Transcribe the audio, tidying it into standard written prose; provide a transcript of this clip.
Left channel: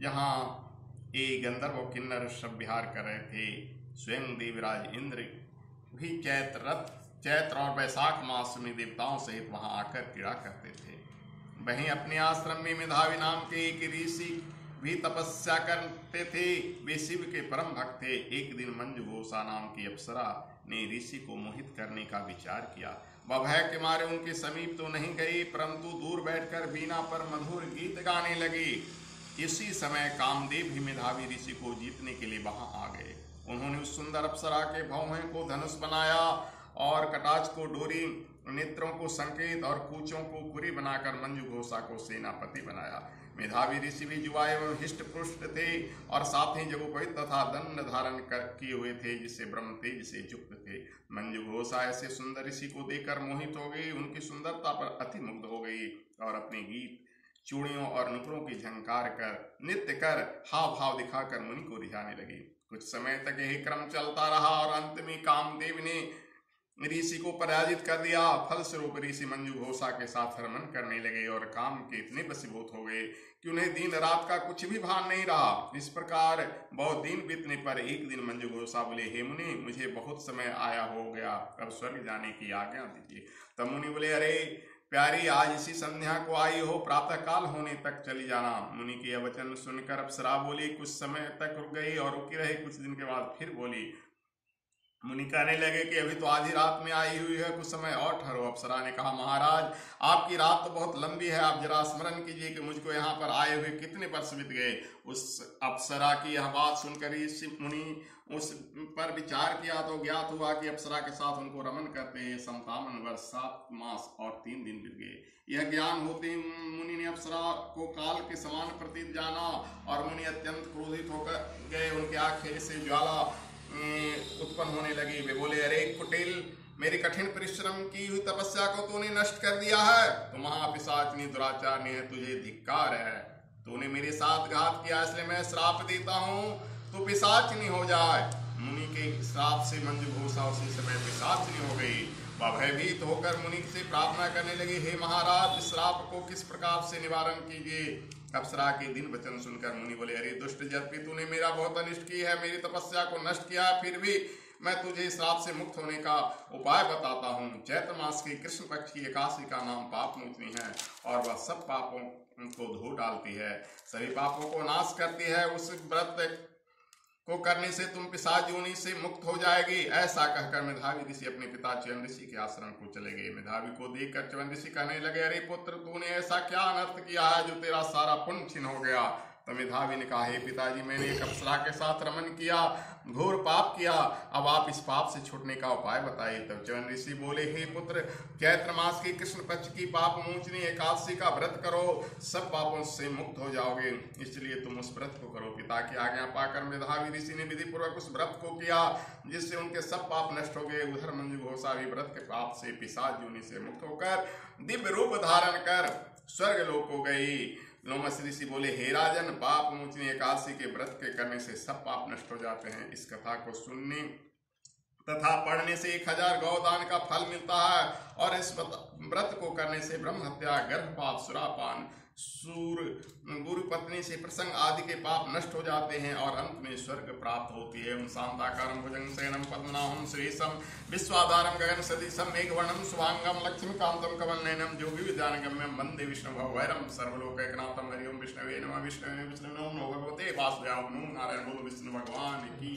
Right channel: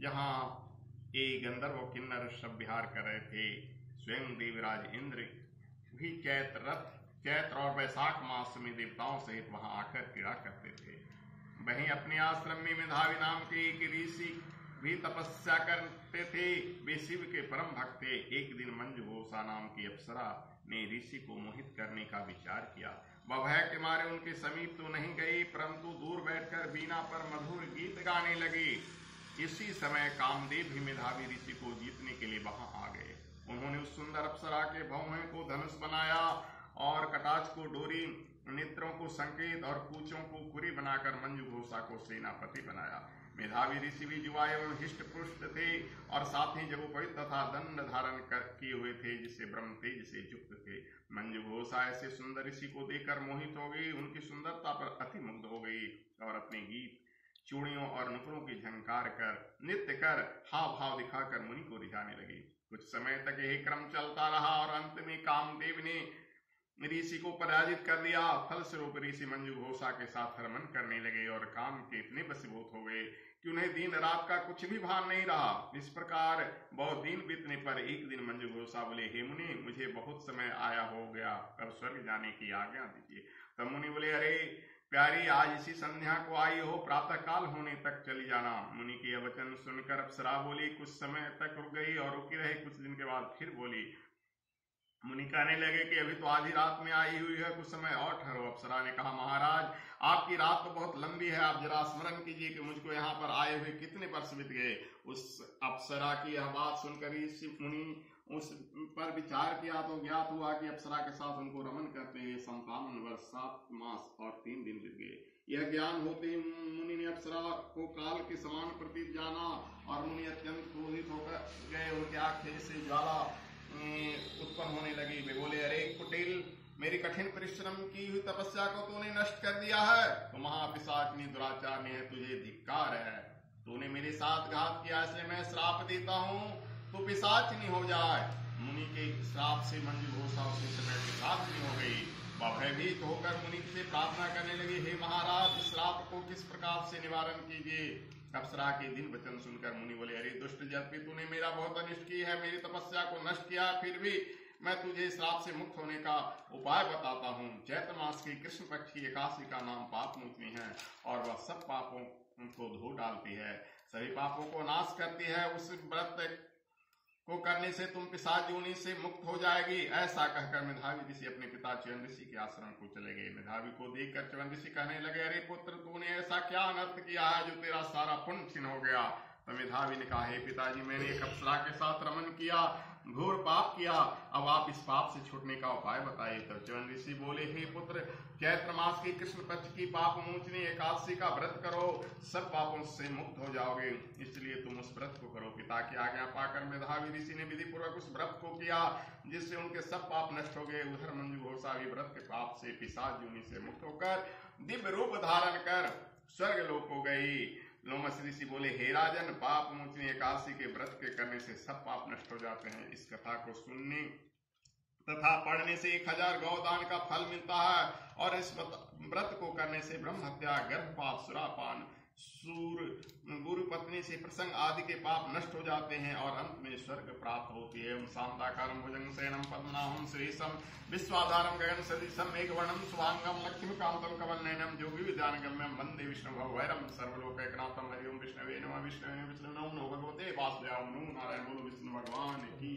जहाँ एक गंधर्व और किन्नर सब विहार कर रहे थे। स्वयं देवराज इंद्र भी चैत्र और वैशाख मास में देवताओं सहित वहां आकर क्रीड़ा करते थे। वहीं अपने आश्रम में मेधावी नाम के एक ऋषि भी तपस्या करते थे। वे शिव के परम भक्त थे। एक दिन मंजू घोषा नाम की अप्सरा ने ऋषि को मोहित करने का विचार किया। वह भय के मारे उनके समीप तो नहीं गई, परंतु दूर बैठकर बीना पर मधुर गीत गाने लगी। इसी समय कामदेव भी मेधावी ऋषि को जीतने के लिए वहां आ गए। उन्होंने उस सुंदर अप्सरा के भौहें को धनुष बनाया और कटाक्ष को डोरी, नेत्रों को संकेत और कूचों को कुरी बनाकर मंजू घोषा को सेनापति बनाया। मेधावी ऋषि भी युवा एवं हिष्ट पुष्ट थे और साथ ही जगोपवित तथा दंड धारण किए हुए थे, जिससे ब्रह्म तेज से युक्त थे। मंजू घोषा ऐसे सुंदर ऋषि को देखकर मोहित हो गई, उनकी सुंदरता पर अति मुग्ध हो गई और अपने गीत, चूड़ियों और नुपुरों की झंकार कर, नृत्य कर, हाव भाव दिखाकर मुनि को रिझाने लगी। कुछ समय तक यही क्रम चलता रहा और अंत में कामदेव ने ऋषि को पराजित कर दिया। फलस्वरूप ऋषि मंजू घोषा के साथ रमन करने लगे और काम के इतने वशीभूत हो गए कि उन्हें दिन रात का कुछ भी भान नहीं रहा। इस प्रकार बहुत दिन बीतने पर एक दिन मंजू घोषा बोले, हे मुनि, मुझे बहुत समय आया हो गया, अब स्वर्ग जाने की आज्ञा दीजिए। तब मुनि बोले, अरे प्यारी, आज इसी संध्या को आई हो, प्रातः काल होने तक चली जाना। मुनि के यह वचन सुनकर अप्सरा बोली, कुछ समय तक रुक गई और रुकी रही। कुछ दिन के बाद फिर बोली। मुनि कहने लगे कि अभी तो आधी रात में आई हुई है, कुछ समय और ठहरो। अप्सरा ने कहा, महाराज, आपकी रात तो बहुत लंबी है, आप जरा स्मरण कीजिए कि मुझको यहाँ पर आए हुए कितने वर्ष बीत गए। उस अप्सरा की यह बात सुनकर ऋषि मुनि उस पर विचार किया तो ज्ञात हुआ कि अप्सरा के साथ उनको रमन करते 57 वर्ष 7 मास और 3 दिन बीत गए। यह ज्ञान होते मुनि ने अप्सरा को काल के समान प्रतीत जाना और मुनि अत्यंत क्रोधित होकर गए। उनके आंखें से ज्वाला उत्पन्न होने लगी। वे बोले, अरे कुटिल, मेरी कठिन परिश्रम की हुई तपस्या को तूने नष्ट कर दिया है। तो महापिशाचनी दुराचारनी है, तुझे धिक्कार है। तूने मेरे साथ घात किया, इसलिए मैं श्राप देता हूँ, तू पिशाचनी हो जाए। मुनि के श्राप से मंजू घोषा उसी समय पिशाचनी हो गई। वह भयभीत होकर मुनि से प्रार्थना करने लगी, हे महाराज, इस श्राप को किस प्रकार से निवारण कीजिए। अप्सरा के दिन वचन सुनकर मुनि बोले, अरे दुष्ट जल्पी, तूने मेरा बहुत अनिष्ट की है, मेरी तपस्या को नष्ट किया, फिर भी मैं तुझे श्राप से मुक्त होने का उपाय बताता हूँ। चैत्र मास की कृष्ण पक्ष की एकादशी का नाम पाप मोचनी है और वह सब पापों को धो डालती है, सभी पापों को नाश करती है। उस व्रत को करने से तुम पिशाच योनि से मुक्त हो जाएगी। ऐसा कहकर मेधावी ऋषि अपने पिता च्यवन ऋषि के आश्रम को चले गए। मेधावी को देखकर च्यवन ऋषि कहने लगे, अरे पुत्र, तूने ऐसा क्या अनर्थ किया है जो तेरा सारा पुण्य छिन्न हो गया। तो मेधावी ने कहा, हे पिताजी, मैंने एक अप्सरा के साथ रमन किया, घोर पाप किया, अब आप इस पाप से छूटने का उपाय बताइए। तब च्यवन ऋषि बोले, हे पुत्र, चैत्र मास की कृष्ण पक्ष की पाप मोचनी एकादशी का व्रत करो, सब पापों से मुक्त हो जाओगे, इसलिए तुम उस व्रत को करो। पिता की आज्ञा पाकर मेधावी ऋषि ने विधि पूर्वक उस व्रत को किया, जिससे उनके सब पाप नष्ट हो गए। उधर मंजू घोषा भी व्रत के पाप से पिशाच योनि से मुक्त होकर दिव्य रूप धारण कर स्वर्ग लोक को गई। लोमस ऋषि बोले, हे राजन, पाप मोचनी एकादशी के व्रत के करने से सब पाप नष्ट हो जाते हैं। इस कथा को सुनने तथा पढ़ने से 1000 गौदान का फल मिलता है और इस व्रत को करने से ब्रह्म हत्या, गर्भपात, सुरापान, सूर, गुरु पत्नी से प्रसंग आदि के पाप नष्ट हो जाते हैं और अंत में स्वर्ग प्राप्त होती है। शांताकारं भुजंग शयनं पद्मनाभं सुरेशं विश्वाधारं गगन सदृशं मेघवर्णं शुभांगं लक्ष्मीकांतं कमलनयनं योगी विद्यानगम्यं वंदे विष्णु भैरं सर्वलोकैकनाथं। हरि ओम विष्णवे नमः। विष्णवे विष्णु नमो भगवते वासुदेवाय नमो नारायण। बोलो विष्णु भगवान की।